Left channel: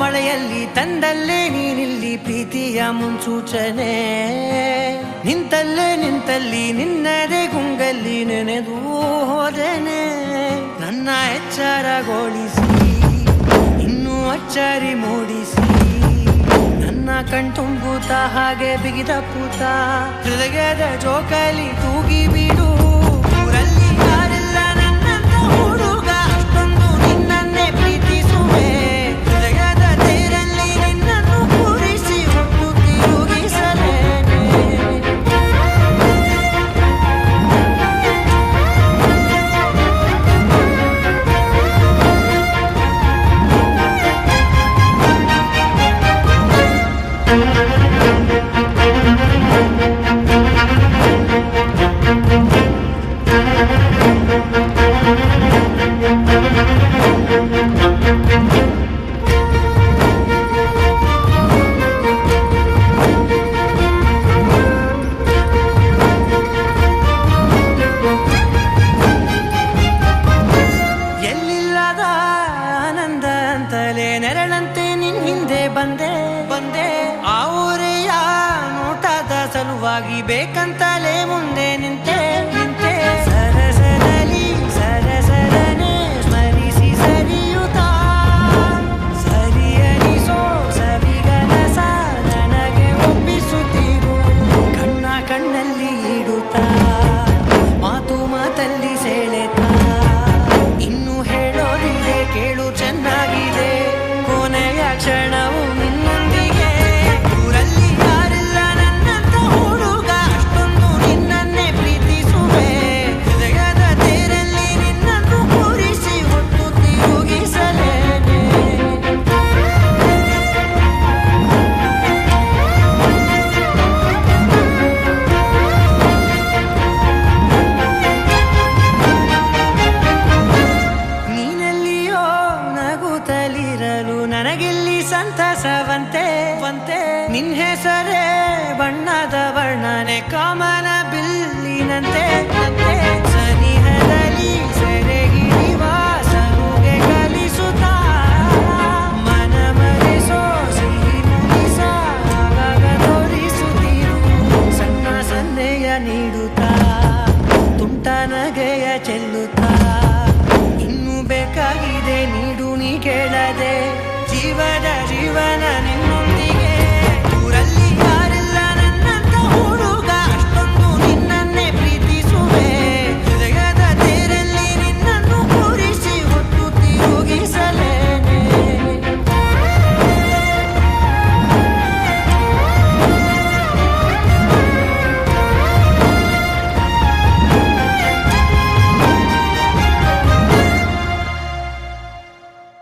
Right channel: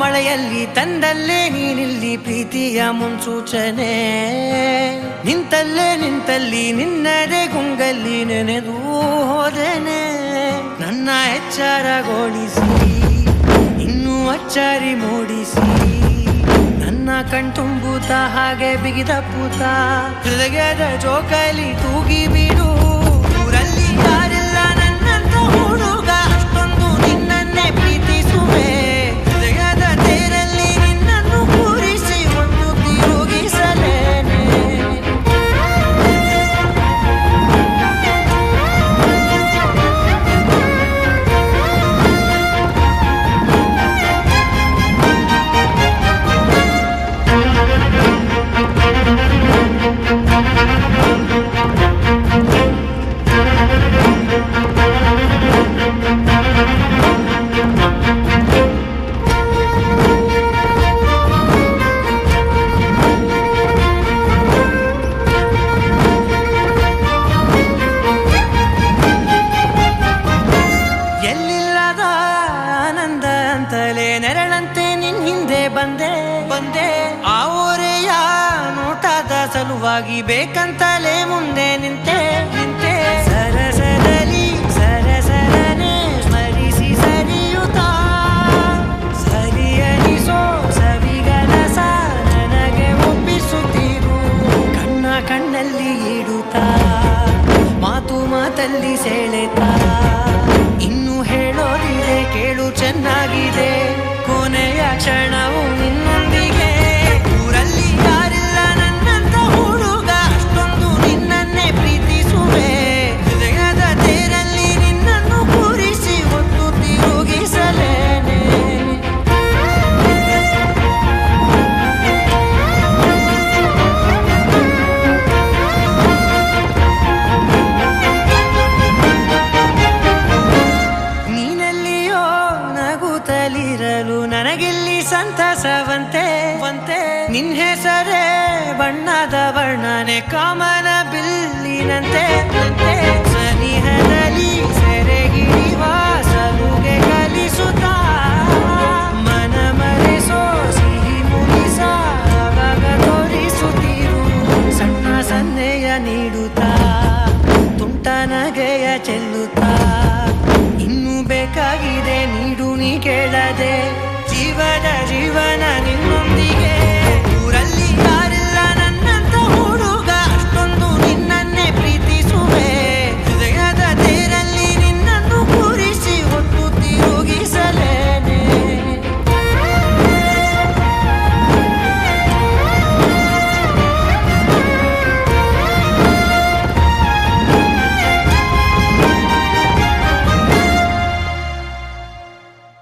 ಮಳೆಯಲ್ಲಿ ತಂದಲ್ಲೇ ನೀನಿಲ್ಲಿ ಪ್ರೀತಿಯ ಮುನ್ಸೂಚನೆ, ನಿಂತಲ್ಲಿ ನಿನ್ನದೇ ಗುಂಗಲ್ಲಿ ನೆನೆದು ಹೋದೆನೆ. ನನ್ನ ಎಚ್ಚರಗೊಳಿಸಿ ಇನ್ನೂ ಅಚ್ಚರಿ ಮೂಡಿಸಿ, ನನ್ನ ಕಣ್ತುಂಬುತ್ತ ಹಾಗೆ ಬಿಗಿದ ಪೂತ ಹೃದಯದ ಜೋಕಾಲಿ ತೂಗಿ ಬಿಡು. ಊರಲ್ಲಿ ಯಾರಿಲ್ಲ ನನ್ನಂತ ಹುಡುಗ, ಅಷ್ಟೊಂದು ನಿನ್ನನ್ನೇ ಪ್ರೀತಿಸುವೆ. ಹೃದಯದ ತೇರಲ್ಲಿ ನಿನ್ನನ್ನು ಕೂರಿಸಿ ಹೊತ್ತು ತಿರುಗಿಸಲೇನೆ. ಎಲ್ಲಿಲ್ಲದ ಆನಂದ ಅಂತಲೇ ನೆರಳಂತೆ ನಿನ್ ಹಿಂದೆ ಬಂದೆ. ಆ ಊರೆಯ ನೋಟದ ಸಲುವಾಗಿ ಬೇಕಂತಲೇ ಮುಂದೆ ನಿಂತೆ. ಸರಸದಲ್ಲಿ ಸರಸರನೆ ಸ್ಮರಿಸಿ ಸರಿಯುತ್ತಾ, ಸರಿಯನಿಸೋ ಸವಿಗನಸ ನನಗೆ ಒಪ್ಪಿಸುತ್ತೀರು. ಕಣ್ಣಲ್ಲಿ ಇಡುತ್ತಾ, ಮಾತಲ್ಲಿ ಸೆಳೆತಾ, ಇನ್ನು ಹೇಳೋದಿದೆ ಕೇಳು ಚೆನ್ನಾಗಿದೆ. ಕೊನೆಯ ಕ್ಷಣವು ನಿನ್ನೊಂದಿಗೆ. ಊರಲ್ಲಿ ಯಾರಿಲ್ಲ ನನ್ನಂತ ಹುಡುಗ, ಅಷ್ಟೊಂದು ನಿನ್ನನ್ನೇ ಪ್ರೀತಿಸುವೆ. ಹೃದಯದ ತೇರಲ್ಲಿ ನಿನ್ನನ್ನು ಕೂರಿಸಿ ಹೊತ್ತು ತಿರುಗಿಸಲೇನೆ. ನೀನೆಲ್ಲಿಯೋ ನಗುತ್ತಲಿರಲು ನನಗಿಲ್ಲಿ ಸಂತಸವಂತೆ. ನಿನ್ ಹೆಸರೇ ಬಣ್ಣದ ವರ್ಣನೆ ಕಾಮನ ಬಿಲ್ಲಿನಂತೆ. ಸನಿಹದಲ್ಲಿ ಸೆರೆ ಹಿಡಿಯುವ ಸಲುಗೆ ಕಲಿಸುತ್ತಾ, ಮನ ಮರೆಸೋ ಸಿಹಿ ಮುನಿಸ ಆಗಾಗ ತೋರಿಸುತ್ತೀರು. ಸಣ್ಣ ಸನ್ನೆಯ ನೀಡುತ್ತಾ, ತುಂಟ ನಗೆಯ ಚೆಲ್ಲುತ್ತಾ, ಇನ್ನು ಬೇಕಾಗಿದೆ ನೀಡು ನೀ ಕೇಳದೆ. ಜೀವನ ನಿನ್ನೊಂದಿಗೆ.